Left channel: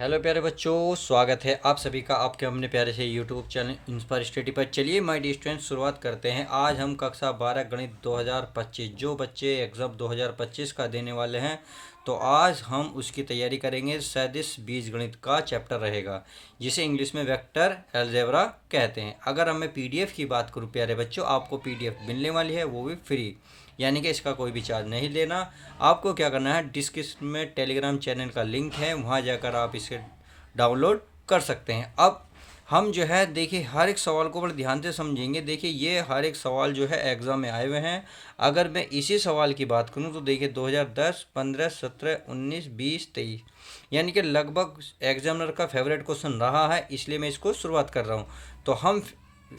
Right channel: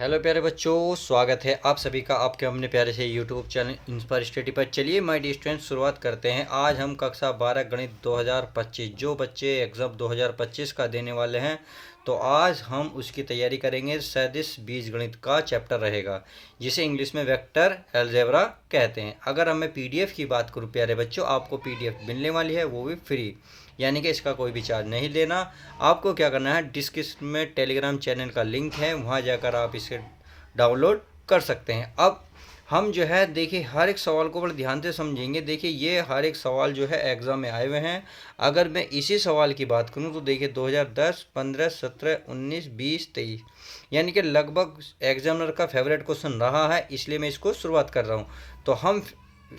Hello प्यारे बच्चों, स्वागत है आप सभी का आपके अपने प्यारे से यूट्यूब चैनल इंस्पायर स्टडी पर। चलिए माय डियर स्टूडेंट, शुरुआत करते हैं। आज हम कक्षा 12 गणित 2025 जो बच्चे एग्ज़ाम 2025 का देने वाले हैं, तो आज हम उसकी तैयारी करेंगे। सदिश बीजगणित का चैप्टर रहेगा, जिसे इंग्लिश में वेक्टर अलजेब्रा कहते हैं। अगर मैं पीडीएफ की बात करूँ प्यारे बच्चों, आपको पीडीएफ मिलने वाली है, वो भी फ्री, यानी कि इसका कोई भी चार्ज नहीं लेना। आपको क्या करना है, डिस्क्रिप्शन में टेलीग्राम चैनल का लिंक है, वहाँ जाकर आप इसे डाउनलोड कर सकते हैं। अब हम जो है देखिए हर एक सवाल को बड़े ध्यान से समझेंगे। देखिए ये हर एक सवाल जो है एग्ज़ाम में आए हुए हैं। अगर मैं इसी सवाल की बात करूं तो देखिए 2010, 15, 17, 19, 20, 23, यानी कि लगभग एग्जामिनर का फेवरेट क्वेश्चन रहा है, इसलिए मैं इसको शुरुआत कर रहा हूं। तो हम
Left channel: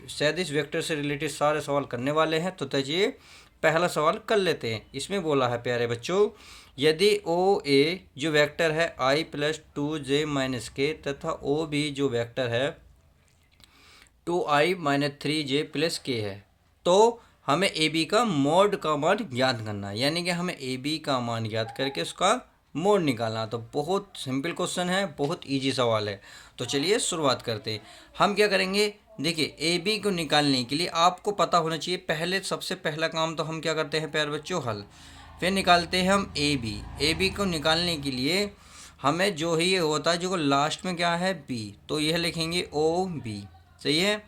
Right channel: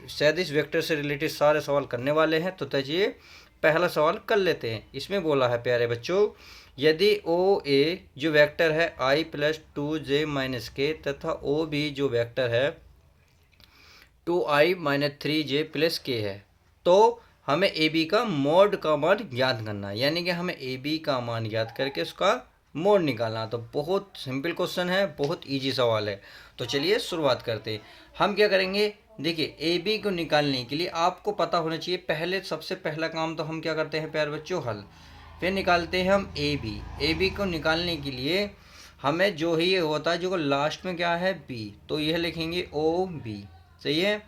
सदिश वेक्टर से रिलेटेड सारे सवाल करने वाले हैं। तो चलिए पहला सवाल कर लेते हैं। इसमें बोला है प्यारे बच्चों, यदि ओ ए जो वेक्टर है i प्लस 2j माइनस के तथा ओ बी जो वेक्टर है 2i माइनस 3j प्लस के है, तो हमें ए बी का मोड का मान ज्ञात करना है। यानी कि हमें ए बी का मान ज्ञात करके उसका मोड निकालना। तो बहुत सिंपल क्वेश्चन है, बहुत इजी सवाल है। तो चलिए शुरुआत करते हैं। हम क्या करेंगे, देखिए ए बी को निकालने के लिए आपको पता होना चाहिए, पहले सबसे पहला काम तो हम क्या करते हैं प्यारे बच्चों, हल। फिर निकालते हैं हम ए बी को निकालने के लिए हमें जो ही ये होता है, जो लास्ट में क्या है बी, तो यह लिखेंगे ओ बी, सही है।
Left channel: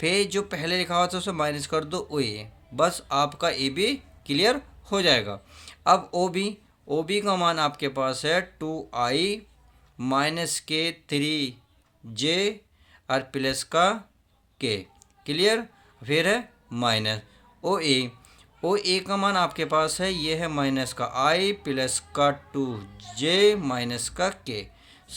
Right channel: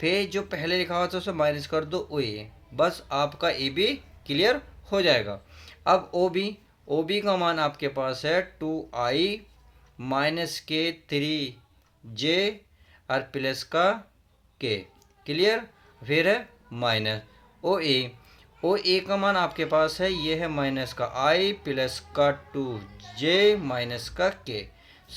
फिर जो पहले लिखा हुआ था उसे माइनस कर दो ओ ए, बस आपका ए बी क्लियर हो जाएगा। अब ओ बी का मान आपके पास है 2i माइनस के 3j और प्लस का के, क्लियर। फिर है माइनस ओ ए का मान आपके पास है, ये है माइनस का i प्लस का 2j माइनस का के।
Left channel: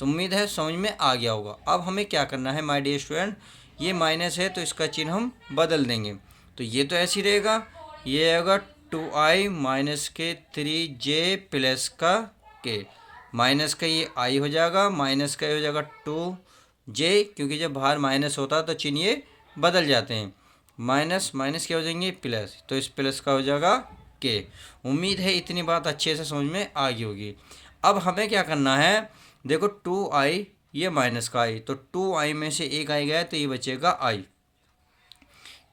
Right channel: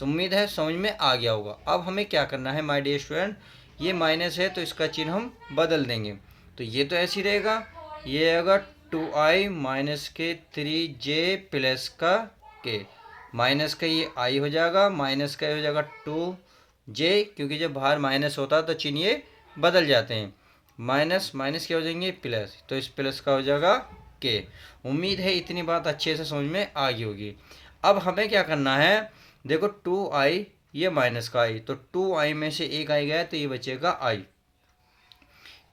उम्मीद है समझ में आ गया होगा। अब हमें क्या करना है माय डियर स्टूडेंट, ये माइनस है तो इसका चिन्ह हम बदल देंगे। तो ये तो ऐसे ही रहेगा, ये अगर 2i माइनस के 3j प्लस का के, माइनस का ये i हो जाएगा, माइनस का हो जाएगा 2j, क्योंकि जब बाहर माइनस होता है तो चिन्ह ये बदल जाते हैं। माइनस माइनस क्या हो जाएंगे प्लस, तो इस प्लस का हो जाएगा के। उम्मीद है इतनी बात अच्छे से समझ में आ गई होगी। अब हमें क्या करना है, देखो 2i, ये माइनस का i, तो 2i में से एक आई गया तो ये बचेगा i।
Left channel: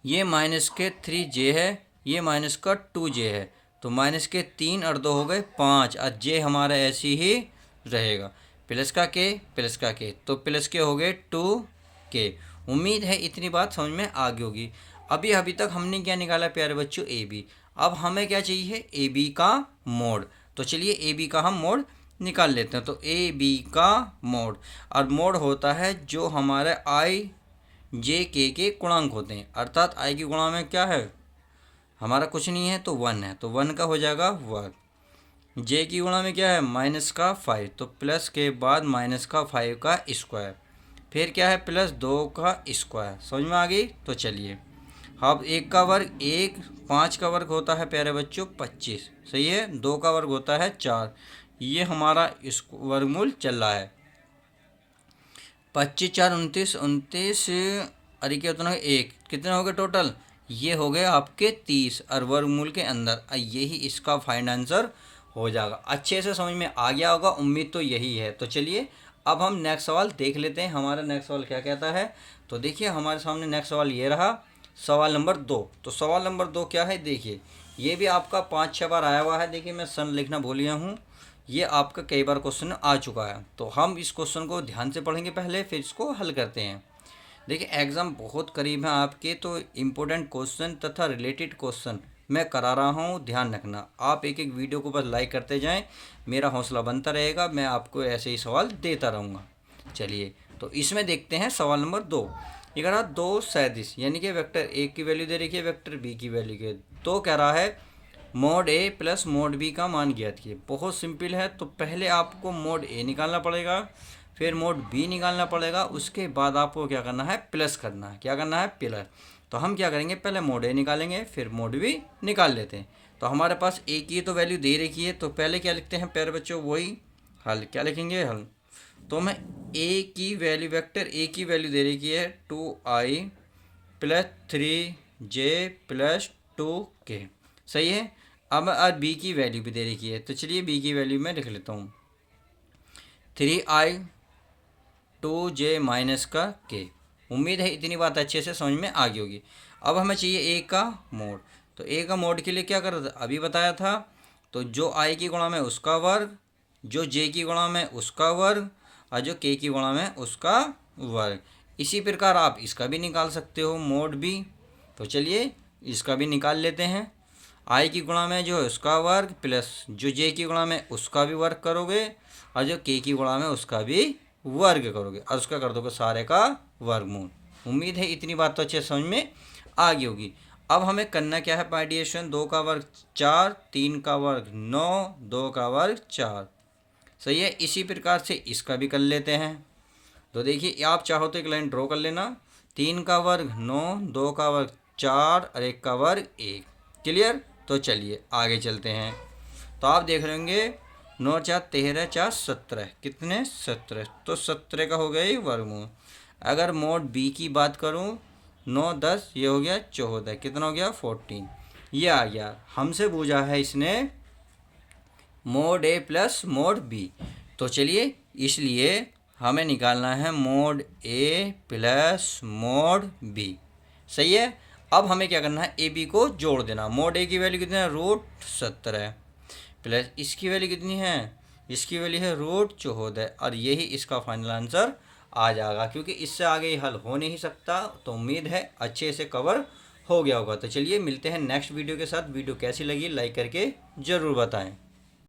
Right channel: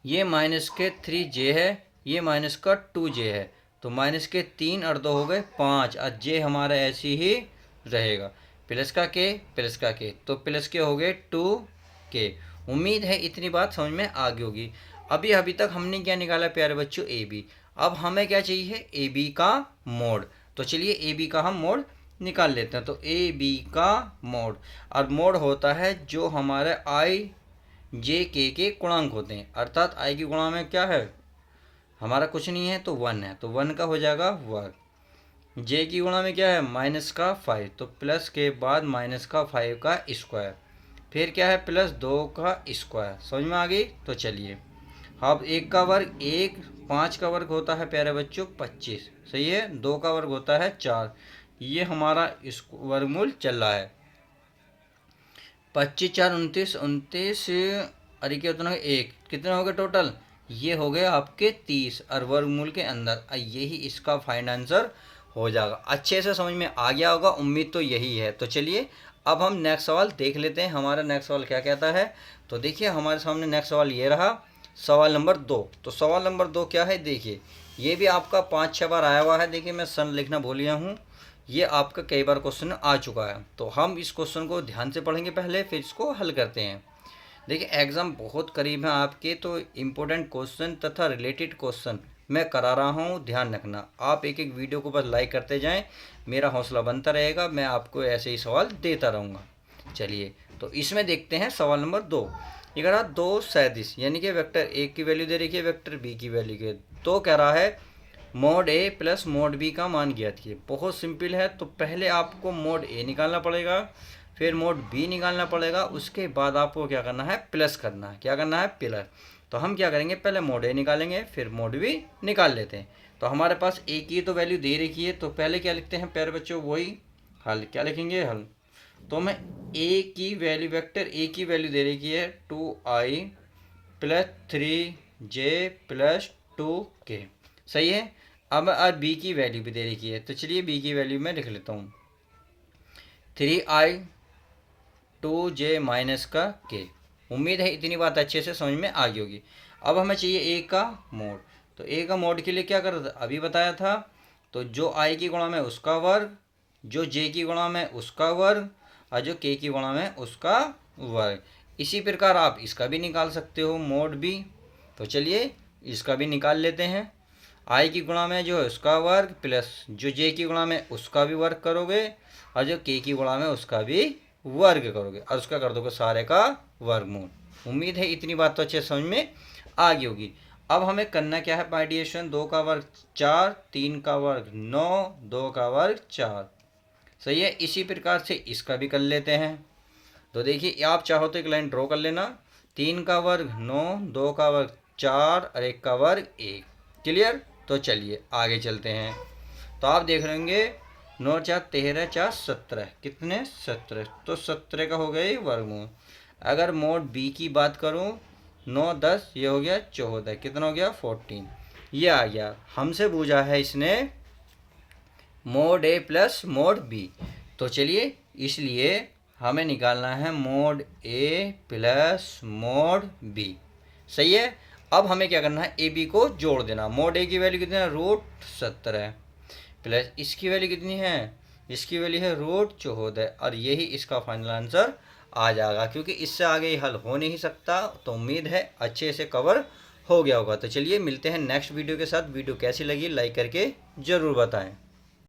ये माइनस के 3j है, ये माइनस का 2j है, तो माइनस के 3 और 2 हो गए 5, और j हमारा ऐसे ही रहेगा। प्लस का के, तो प्लस के हो गए 2k। उम्मीद है इतनी बात समझ में आ गई होगी। अभी तक हमने क्या निकाला प्यारे बच्चों, ए बी। अब हमें क्या चाहिए, ए बी का मोड। तो चलिए ए बी का हम मोड निकाल लेते हैं। तो ए बी का मोड, और मोड होता है जो हमारे आई जे के गुणांक होते हैं, अर्थात आई की गुणा में क्या है हमारा कुछ नहीं है तो 1 है, तो 1 का हो जाएगा 1। जे की गुणा में क्या है माइनस का 5, तो प्लस के बाद माइनस का 5 का स्क्वायर, फिर क्या है प्लस 2 का स्क्वायर। समझ में आ गई। तो चलिए अब 1 का वर्ग 1, 5 का वर्ग होता है प्यारे बच्चों 25, सही है। 2 का वर्ग होता है 4, ये हमारा इस वर्गमूल चल रहा है। 25 4 29, 29 अरे क्या होता है एक, कितने हो गए टोटल, ये हो गए आपके 30, और वर्गमूल के अंदर यही इसका फाइनल आंसर हो जाएगा। अच्छे से समझ में आ गया होगा, उम्मीद तो यही है। तो चलिए अब हम नेक्स्ट सवाल देख लेते हैं, हमारा नेक्स्ट सवाल क्या कहता है। तो देखिए हमारे सामने नेक्स्ट सवाल ये रहा, सवाल नंबर 2। तो सवाल नंबर 2 क्या है, देखिए ये भी आपका 5-6 बार आया हुआ है। देखिए मैं सन लिखना भूल गया हूँ, ये आपका कई बार क्वेश्चन आ चुका है। तो हम इस क्वेश्चन को ध्यान से पढ़ेंगे पहले, फिर इसको हल करते हैं। देखिए एग्ज़ाम बहुत करीब है आपके, तो इम्पोर्टेंट क्वेश्चन तथा रिलेटेड क्वेश्चन मैं करा रहा हूँ, ध्यान रखना। आप एक एक वीडियो को बस लाइक करते जाएं, मेरा हौसला बनता रहेगा, मैं आपको ऐसे ही सवाल देता रहूँगा। चलिए तो इसमें देखते हैं सवाल नंबर 2। ये कह रहा 2 सैंतीस, यानी कि वेक्टर ए की वैल्यू दे रखी है, वेक्टर बी की वैल्यू के, तो कह रहा है मोड ए प्लस मोड बी का मान ज्ञात कीजिए। बहुत सिंपल है, तो पहले आपको मोड ए निकालना पड़ेगा, फिर मोड बी निकालना पड़ेगा, उसके बाद आपको क्या करना है प्लस करना है। क्या करना है प्लस। तो हम क्या करेंगे, पहले मोड ए निकालेंगे, फिर मोड बी निकाल लेते हैं। तो हमारे पास ए की तो वैल्यू दे रखी है, तो पहले क्या लिखते हैं प्यारे बच्चों, वही हल। क्या लिखेंगे, हल। तो मैं ए की वैल्यू, वेक्टर ए की वैल्यू दे रखी है 2i plus 3j plus 2k, सही है। अब बी की वैल्यू भी दे रखी है, तो चलिए बी की वैल्यू मैं लिख लेता हूँ 3i 2j माइनस का k। उम्मीद है इतनी बात अच्छे से समझ में आ गई होगी। अब हमें चाहिए a का मोड। तो a का मोड के लिए क्या करना था, अभी बताया था। तो जो i की गुणा में उसका वर्ग, जो j की गुणा में उसका वर्ग, और जो k की गुणा में उसका वर्ग। इसी प्रकार आप इसका भी निकाल सकते हो मोड भी। तो चलिए इसका भी निकाल लेते हैं। i की गुणा में जो है उसका वर्ग प्लस जो j की गुणा में उसका भी वर्ग करोगे, और जो k की गुणा में उसका भी वर्ग करोगे, और उसका कर दोगे सारे का वर्गमूल। उम्मीद है इतनी बात तो अच्छे समझ में आ गई होगी। अब हमें करना क्या है पार्टीशन, 2 का वर्ग 4, 3 का वर्ग 9, 2 का वर्ग 4। सही है। इसी प्रकार से इसका भी कर लेते हैं। तो देखिए आप चाहो तो एक लाइन ड्रॉ कर लेना। 3 का वर्ग 9, 2 का वर्ग 4 और 1 का वर्ग 1। क्लियर। तो चलिए आगे चलते हैं। तो आप देख रहे होंगे 9 4 13 4 17, कितने 17। तो 17 का हो गया ये वर्गमूल। अगर मोड बी की बात करूं, 9 10 ये हो गया 14, कितना हो गया 14। ये आ गया। हमसे पूछा है इसने मोड ए प्लस मोड बी। तो चलिए इसलिए हमें निकालना है मोड ए प्लस मोड बी। सही है। अब हमें क्या करना है, ए बी को जोड़ देना। मोड ए की वैल्यू कितनी है, √17 प्लस इसकी वैल्यू कितनी है, इसकी वैल्यू है √14, और यही इसका फाइनल आंसर आ जाएगा, क्योंकि इससे आगे हल हो नहीं सकता। तो उम्मीद है अच्छे से कवर हो गया होगा। तो चलिए मिलते हैं नेक्स्ट वीडियो के साथ। वीडियो कैसी लगी लाइक करके ज़रूर बताएं।